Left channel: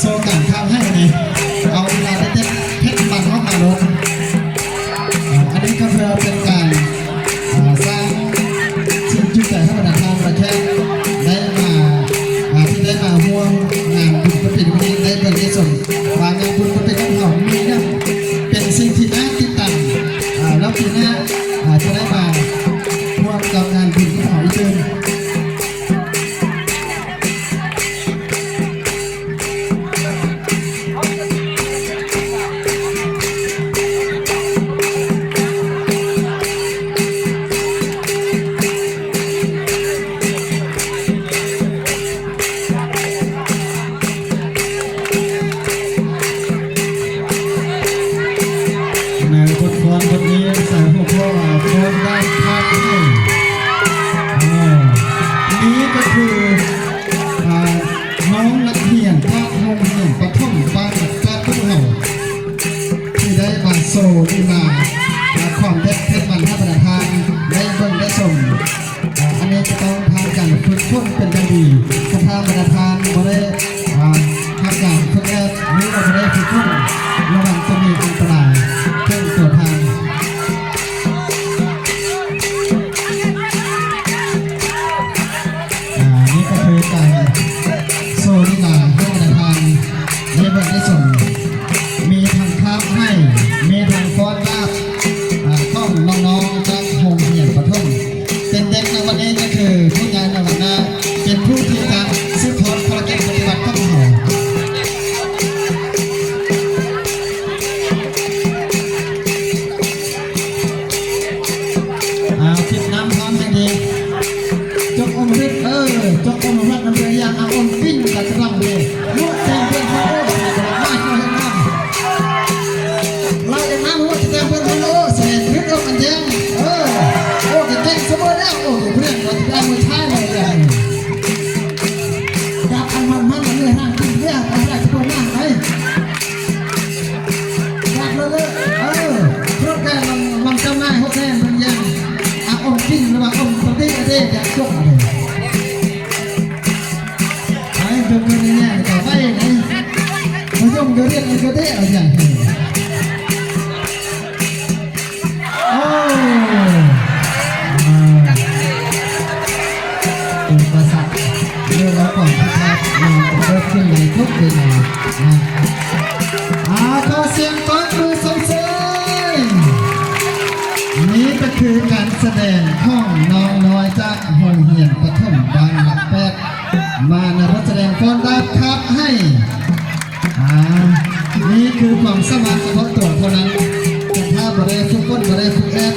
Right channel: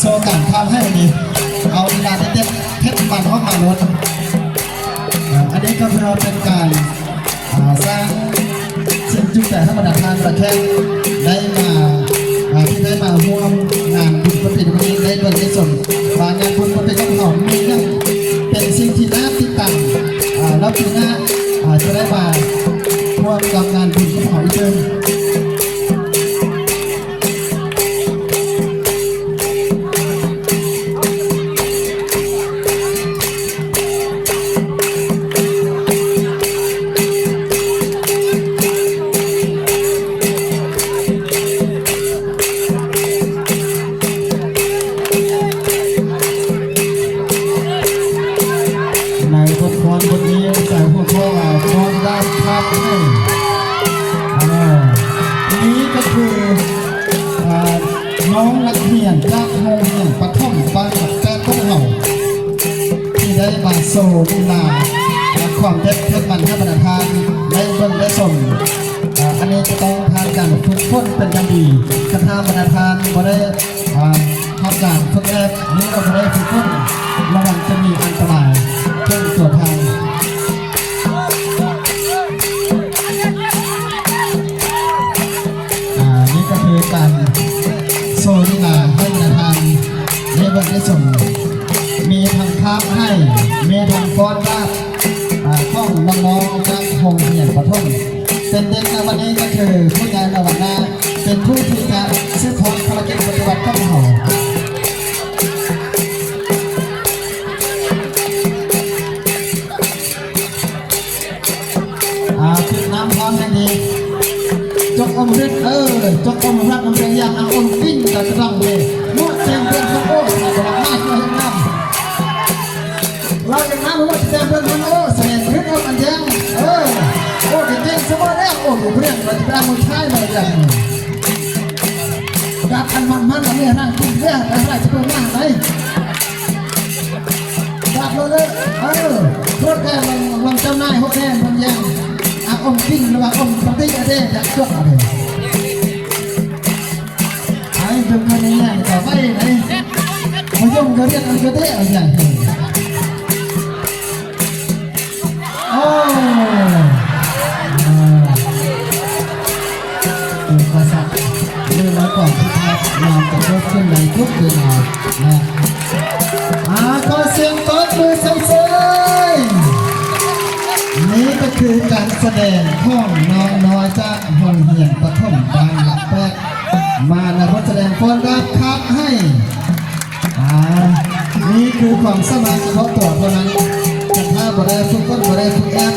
โซการข้ามให้ดีเอาเวลาเด็ดเทคมันห้องมาลุ้นอันนี้ก็เพื่อเป็นการสร้างสิ่งจุดแต่ธรรมดาทางประเทศได้มาที่ได้มาร่วมงานบุญประเพณีได้เบิกได้ส่วนงานบุญประเพณีของเรามีเนี่ยเป็นสิ่งที่น่าติดตามแล้วปีหน้าจะได้มาร่วมกับงานบุญของเราอีกเดิมในบทความบทนี้ใส่หัวข้อโครงด้านภาพให้นี้ก็คือน้องนักเรียนภาคโมงหนึ่งปฐมบ้านแป้ต้นเห่าที่ได้มาโซลีลาความเด็ดเพชรมันท่าประธานได้เบิ่งได้ส่งอันนี้จะต้องผ่านการฝึกฝนเป็นอย่างดีคณะประธานก็ได้ทำการฝึกแรกนี้เราจะได้ฝึกฝนระวังจะมีอันตรายเช่นตัวทางนี่ก็คือการโซลีลาให้ประธานได้เบิ่งได้ส่งมีทางภาพให้มีทางฟ้อนรากท่องน้องๆจากโรงเรียนประถมเป็นเด็กในวันนี้ก็คือผู้ใหญ่ในวันหน้าเป็นผู้ที่จะสืบทอดภารกิจปฏิบัติของเราติดน้ำพร้อมทันทีจกอมฤตจกอมรัตน้ำเรียนยางอมวิ่งแต่กลางเลยลวดแทงเป็นโอ้ดอกไม้ช่วยน้ำเราจะน้ำหัวแทงเป็นโอ้เสร็จฤทธิ์อมอันยังโอ้เก่งสมบูรณ์แล้วโอ้เพื่อนเราจะได้มือท้ายเลยอย่างกับอันมันเนี่ยนั่งกินเรื่องอะไรจะเป็นนั่งไหมกับเลยรถแกมันเจ้าหน้าเขาแค่มันยังอมกินหรือว่าอมปฏิเสธอยากจบเลยไอ้จุดนี้เนี่ยจะไปไหนเขายอมก็เรียกมันก็ได้เอาอย่างนี้โอ้ตัวประสาทเรื่องแล้วก่อนที่เราจะเกิดขึ้นในทุกเวลา